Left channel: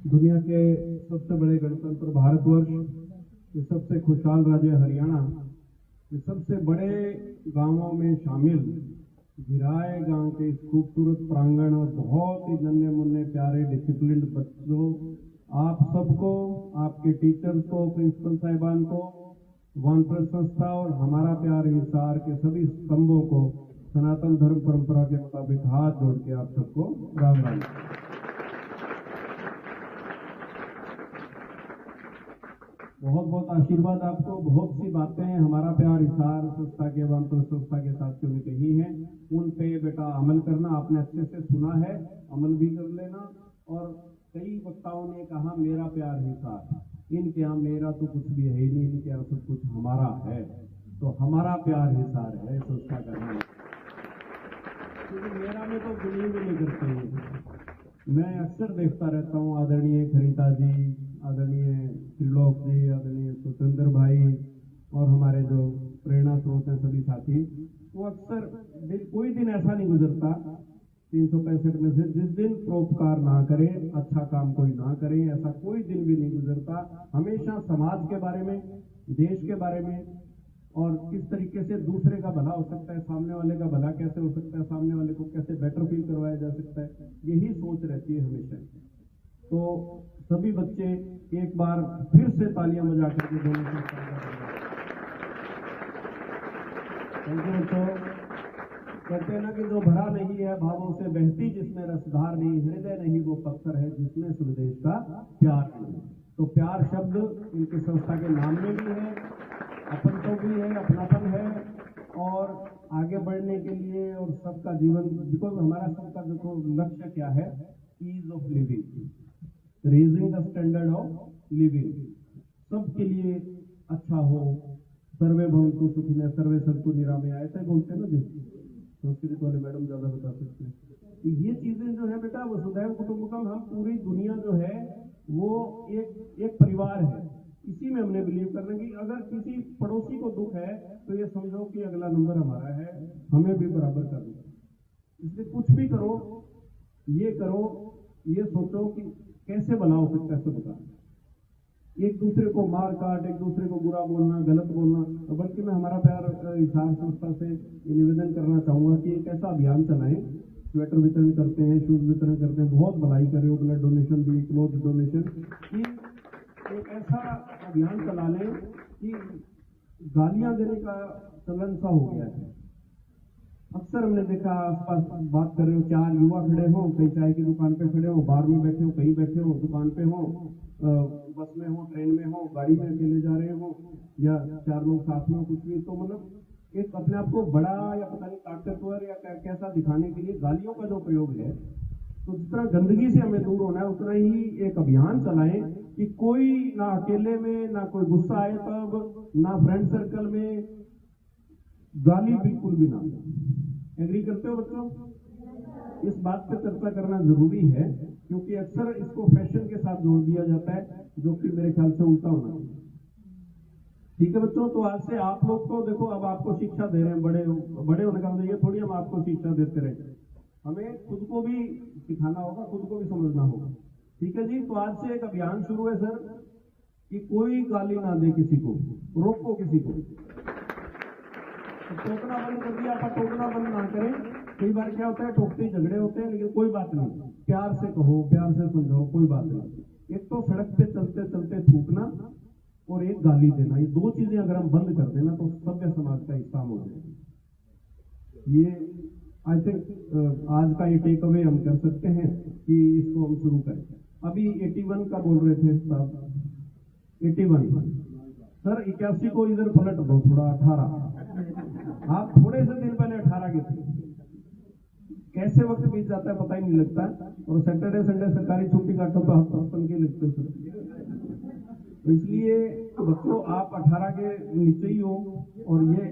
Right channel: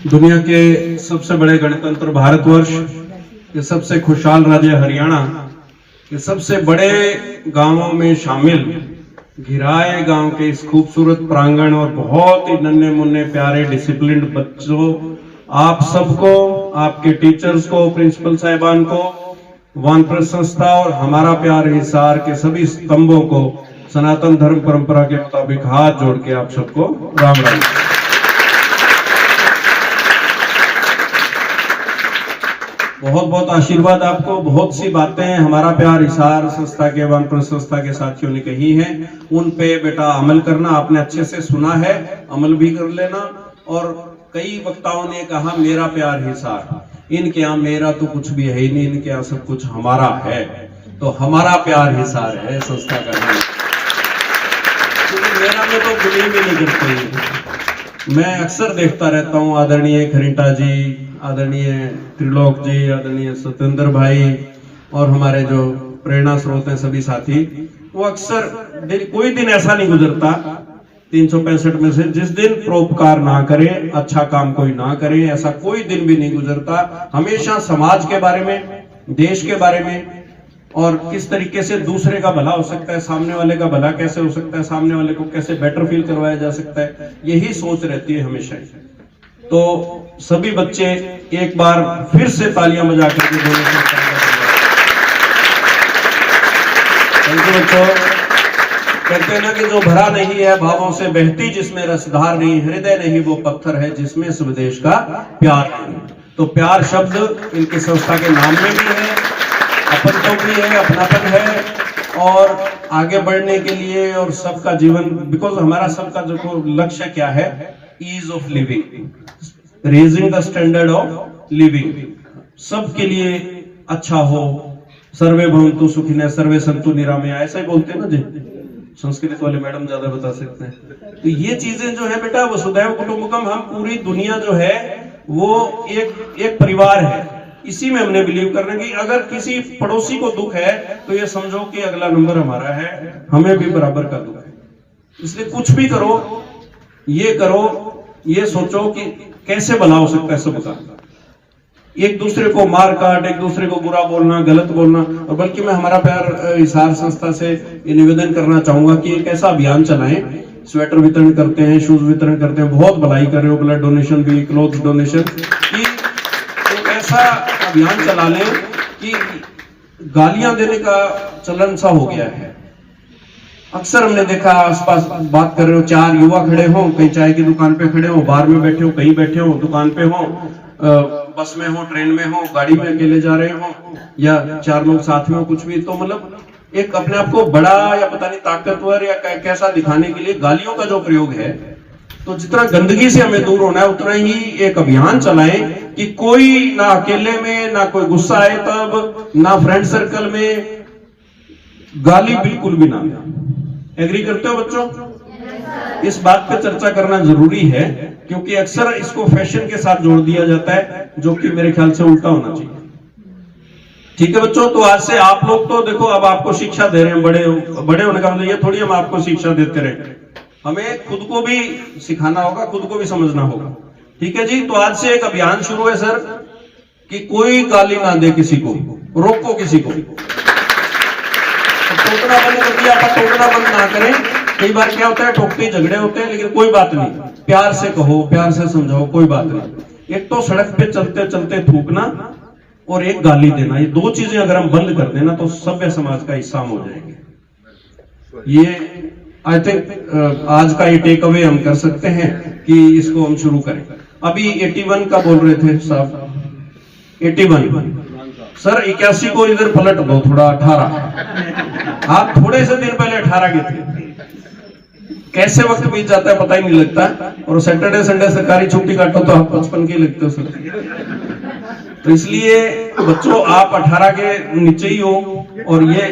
दुनिया के सबसे बड़े गणतंत्र भारतवर्ष, ये सबसे खुशहाल राज्य हरियाणा, ये सबसे बड़े गांवों में शामिल घिराए गांव के इस खूबसूरत प्रांगण और बहुत ही नन्हे मुन्ने प्यारे डिसिप्लिन्ड बच्चों, आप सबको, आपके टीचर्स को, प्रिंसिपल साहिबान को, वानप्रस्थ संस्था और हमारा प्यार हिसार के सभी स्तंभों को सनातन धर्म परंपरा के मुताबिक हाथ जोड़ के आप सबको राम राम। बहुत बहुत आशीर्वाद आपको। बहुत सी बातें हमारा प्यार हिसार संस्था के, वानप्रस्थ संस्था के साथियों ने कही हैं, उन पे बेटा अमल करना। आपने अच्छे से सुना है, अमल भी कर लेना। और कई वक्ताओं ने कहा मेरा प्यार हिसार, इनके यहाँ मेरा तो कुछ भी है ही नहीं, इनके यहाँ सब कुछ हमारा है। तो हमारा प्यार हिसार है संस्था का नाम, क्योंकि मेरा में तो बिलीव ही नहीं करते। मैं अक्सर देखता रहता हूँ आदरणीय खरीटा जी, आदरणीय त्रिलोक जी, आदरणीय सत्येंद्र भाई और हमारे जो प्रेरणा स्रोत हैं सभी साथी, वो अक्सर कोई दिन ऐसा नहीं गुजरता 365 में से जिस दिन परोपकार ना करे, अच्छा काम कोई ना करे, ऐसा कोई दिन भी नहीं गुजरता। हमेशा समाज के बारे में, देश के बारे में और किस तरीके से दूसरे का भला हो सकता है, सामने वाले का भला कैसे हो सकता है, सामने वाले को कैसे बेटर फील करवाया जा सकता है, यही सोच रहती है हमेशा। तो सभी बच्चे एक बार फिर से तालियां बजा करके बोले बच्चों। कहते हैं ना कि जो भरा नहीं है भावों से बहती, जिसमें रसधार नहीं, हृदय नहीं वो पत्थर है जिसमें स्वदेश का प्यार नहीं। तो प्यार शब्द इनके संस्था के नाम में भी है, अपन तो भी है, अपनापन है, और आगे बढ़ने के लिए और सबका जीवन, बिकॉज हमारा सबका जो लक्ष्य क्या है, ease of living, raising the standard of living, सबके लिए अच्छा हो। सर्वे भवन्तु सुखिनः सर्वे सन्तु निरामया, ऐसा ही बोलते हैं ना जी, संस्कृत वाले मैडम ज्यादा बता सकते हैं। तो ये चीजें जो है बेटा, वसुधैव कुटुंबकम, हम पूरी दुनिया जो है वो एक परिवार है, इसी में हमने बिलीव करना कि अगर किसी पड़ोसी को दुख है तो ये समझो कि अगला नंबर हमारा है, हमें भी बराबर का दुख है। इसलिए कुछ भी करो, ये सोचो कि कैसे भला हो सकता है सबका। एक दूसरे को मार काट, एक दूसरे को बुरा बोलना, गलत बोलना, और बल्कि मैं हमारा प्यार हिसार संस्था से ये निवेदन करना चाहूंगा कि एक ऐसा अभियान चलाएं, स्वेटर वितरण करते हैं, शूज वितरण करते हैं, बहुत भलाई कर रहे हो, ब्लड डोनेशन भी, क्लोथ डोनेशन, कि एक ऐसा अभियान चला लें कि गालियां देने का चलन सा हो गया है। अक्सर हमने देखा आसपास बात कर रहे हो, 4 युवा खड़े हो, कहीं चाय की दुकान पे खड़े हो, बार में बैठे हो, कहीं बैठे हो, दुकान पे हो, बस में हो, ट्रेन में हो, गाड़ी में अकेले जा रहे हो, या 4 लोग साथ में हो, कुछ भी, तो मतलब एक अपने आप को बड़ा या पता नहीं ताकतवर या कैसा दिखाने के लिए गालियों का जो प्रयोग है, तो जितना गंदगी से हमें दूर होना है उतना ही एक अभियान चलाएं कि कोई ना अकेले में, ना कोई गुस्सा आए तब, ना फ्रेंड सर्कल में गाली बिल्कुल भी ना। एग्री करते हो बच्चों? इस बात पे चर्चा करना जरूरी है, क्योंकि अक्सर इसको फैशन के साथ जोड़ दिया जाता है, जो कि मेरे ख्याल से उल्टा होना चाहिए। ठीक है बच्चों, तो आज से आप लोग तो देखो, अब आपको शिक्षा दे रहे हैं, बड़े होने का मतलब ये थोड़ी हम आपको शिक्षा देते रहे, हमें खुद को भी सिखाना होगा, खुद को भी समझना होगा। ठीक है जी, तो आज से एक अभियान शुरू है सर, कि कोई गाली ना दे किसी को, रोको किसी को, टोकना बंद कर दिया, आप टोकना बंद ना करें। कई बार क्या होता है, टोकते झगड़े होते हैं, लेकिन कोई बात नहीं, प्यार से कहो, प्यार से समझाओ, कोई बात नहीं। एक तो सड़क पे चलते चलते थूकना और एक गाली देना, ये 2 चीजें अगर हम बंद कर देना तो सभ्य समाज का हिस्सा हो जाएंगे। ये आई थिंक आज का ये टेक अवे हम कर सकते हैं कि इसको हम शुरू करें। अभी 81 का बोल रहे थे साहब, 81 सर, 81 को इधर पलट दो थोड़ा, 18, आप थोड़े से दिन पहले 18 के थे। कैसे वक्त बीत जाता है पता ही नहीं लगता, और सैटरडे संडे सरकारी छुट्टी काटो तो आप 55 के लगते हो सर। तो इसलिए बच्चों आप 18 के नीचे ही हो, और ये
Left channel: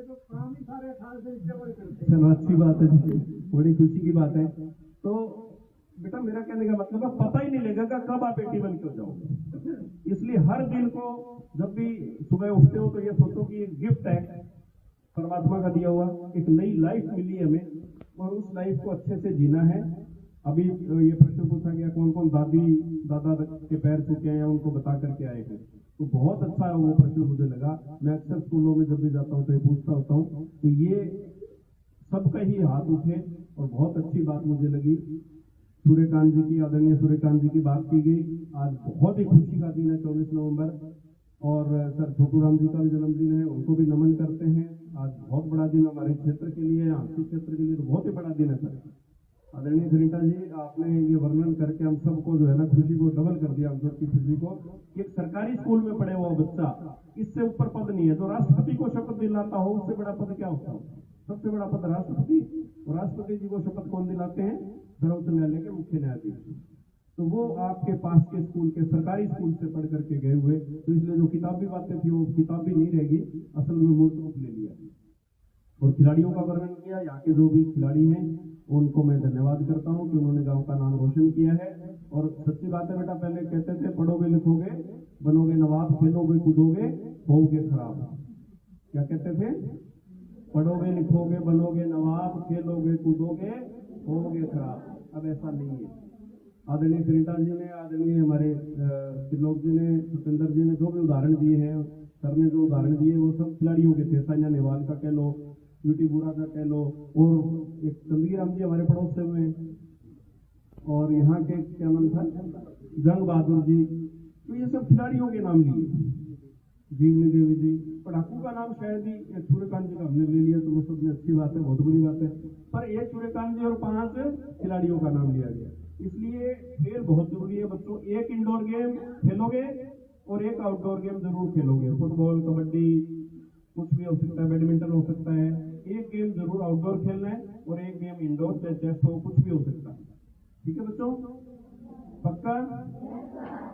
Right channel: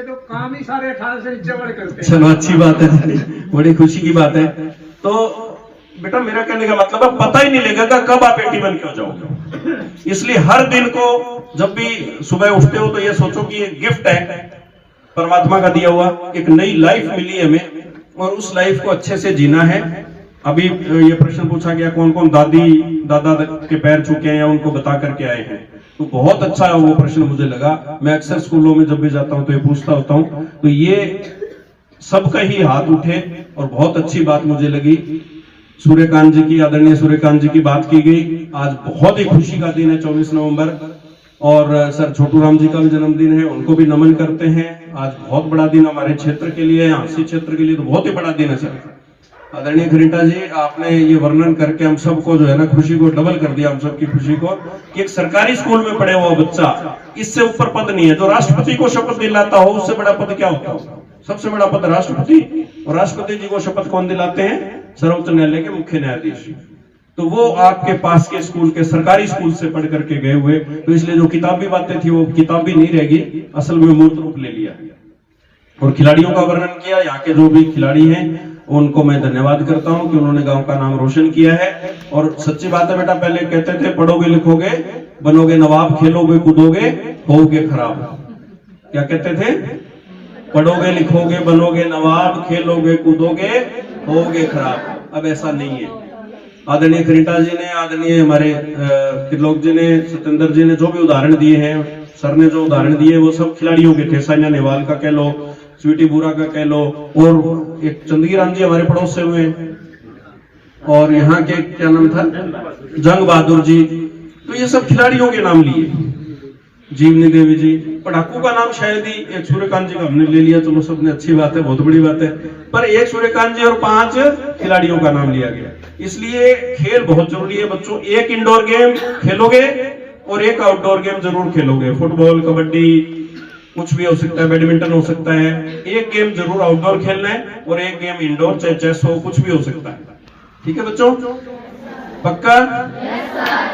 तो काम ही सारे 18 से नीचे वाले करते हैं। चलो अच्छी बात है, बड़ी खुशी की बात है। तो बेटा मेरा कहने का मतलब है, पता ही नहीं लगेगा कब आप 81 के हो जाओगे। इसलिए हर दिन को जब भी सुबह उठते हो तो ये सोचो कि ये गिफ्ट है परमात्मा का दिया हुआ, एक नई लाइफ मिली है हमें, और उस लाइफ को अच्छे से जीना है। अभी ये प्रश्न पूछा गया कौन कौन दादी दादा के पैर छूके हैं या उनको बता करके आए हैं, तो बहुत अच्छा वो प्रश्न मुझे लगा। मैं अक्सर स्कूलों में जब भी जाता हूं तो ये पूछता होता हूं, तो ये सबका ही हाथ उठे और बहुत अच्छी बात मुझे लगी। सूर्यकांत जी की, आदरणीय सूर्यकांत जी की बात की गई। आज बहुत ही खुशी का दिन है 24 नवंबर, और सर छोटू राम जी का भी जन्मदिन है, उनको भी नमन करते हैं। आज बहुत बड़ा दिन हमारे क्षेत्र के लिए, आंसी क्षेत्र के लिए तो बहुत ही बड़ा दिन है सर। आदरणीय खरीटा जी, आपने ये वर्णन करके हम सबको जो है ना खुशी को डबल कर दिया, हम सबकी खुशी को, कि एक सरकारी स्कूल में पढ़े हुआ बच्चा, इससे ऊपर पद नहीं है। जो राष्ट्रपति को शपथ दिलाता हो उससे बड़ा पद क्या होता है? सबसे बड़ा पद राष्ट्रपति, और राष्ट्रपति जी को शपथ कौन दिलाते हैं? सर्वोच्च न्यायालय के मुख्य न्यायाधीश। तो वो आपके पास के स्कूल के सरकारी स्कूल से पढ़ करके गए हुए, तो इसलिए जो किताबी बातें थी वो किताबी नहीं रहेगी, असल में मूर्त रूप ले लिया। और खिलाड़ियों का वर्णन किया, यहाँ के जो भी खिलाड़ी हैं उनको मैं धन्यवाद करता हूं कि उन्होंने गांव का नाम रोशन किया है। और सच्ची बात है बेटा, पहले कहते थे पढ़ोगे लिखोगे बनोगे नवाब, खेलोगे कूदोगे होगे खराब। क्या कहते थे? पढ़ोगे लिखोगे बनोगे नवाब, खेलोगे कूदोगे होगे खराब। अब ऐसा नहीं है। आदरणीय खरीटा जी ने, आदरणीय हमारे त्रिलोक जी ने, सत्येंद्र जी ने जो भी उदाहरण दिए हैं, सर ने जो उदाहरण दिए वो सब खिलाड़ियों के थे। साइना नेहवाल का कह लो, स्वीटी बुरा का कह लो, और एक चंदगी राम जी हमारे पड़ोस से हुए, और यहाँ के क्या नाम था, जंग बहादुर जी। तो ये सब खिलाड़ियों के नाम लिए। जीवनी देवी जी, पढ़ाकू का नाम शायद ही एक सूर्यकांत जी का हमने ले लिया, चलो सबने अच्छी बात है, बहुत बड़ी बात है, पर एक सूर्यकांत जी और 5 खिलाड़ियों का नाम लिया गया। इसलिए खेल बहुत जरूरी है बच्चों। एक इंडोर गेम खेलोगे और एक आउटडोर गेम जरूर खेलोगे। फुटबॉल, कबड्डी, कुछ भी हो सकता है, बैडमिंटन हो सकता है। एक गेम जरूर आउटडोर खेलना है और एक गेम इंडोर, चाहे चेस हो, कुछ भी हो सकता है। ठीक है बच्चों, पक्का?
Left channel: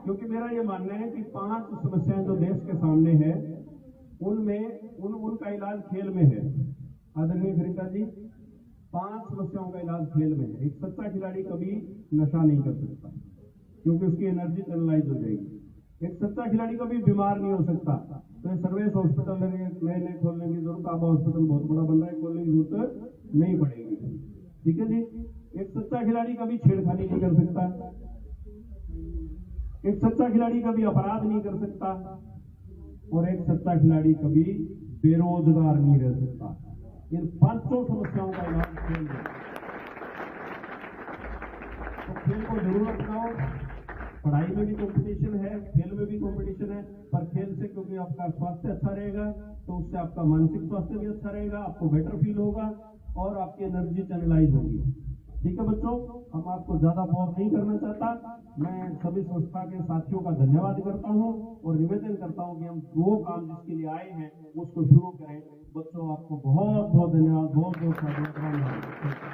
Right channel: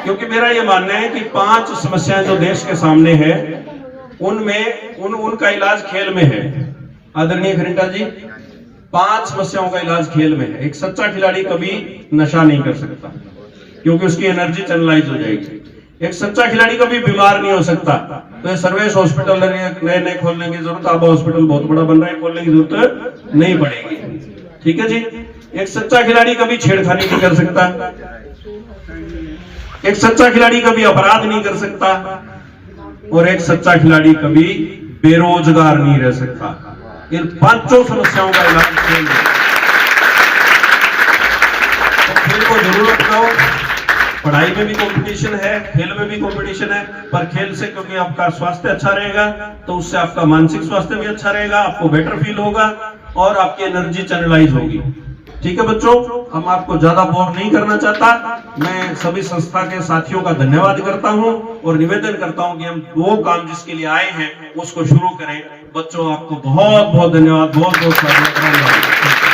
क्योंकि मेरा ये मानना है कि 5 समस्याएं जो देश के सामने है उनमें उनका इलाज खेल में है। आदरणीय खरीटा जी, 5 समस्याओं का इलाज खेल में है। एक सच्चा खिलाड़ी कभी नशा नहीं कर सकता क्योंकि उसकी एनर्जी चैनलाइज हो जाएगी। एक सच्चा खिलाड़ी कभी बीमार नहीं हो सकता। तो ये सर्वेश हॉस्पिटल नए नए खोलने की जरूरत, आबा हॉस्पिटल बहुत बड़ा बन रहा है, खोलने की जरूरत नहीं पड़ेगी। ठीक है जी। एक सच्चा खिलाड़ी कभी छेड़खानी नहीं कर सकता, एक सच्चा खिलाड़ी कभी अपराध नहीं कर सकता, और एक सच्चा खिलाड़ी कभी बेरोजगार नहीं रह सकता। इन 5 समस्याओं का इलाज खेल में। तो खेल को जरूर अपनाओ। पढ़ाई में भी कंपटीशन है, खेल में भी कंपटीशन है, पर खेल से क्योंकि आपका स्वास्थ्य अच्छा रहेगा तो उससे आपका मानसिक स्वास्थ्य भी अच्छा रहेगा, आपको बेटर फील होगा और आपकी एनर्जी चैनलाइज होगी। ठीक है बच्चों, हम आपको ज्यादा बोर नहीं करना चाहता। मैं सभी संस्था के साथियों का धन्यवाद करता हूं और निवेदन करता हूं कि हम वो काम जिसके लिए आए हैं उसको शुरू करें। बच्चों, आपको बहुत बहुत धन्यवाद, बहुत बहुत धन्यवाद।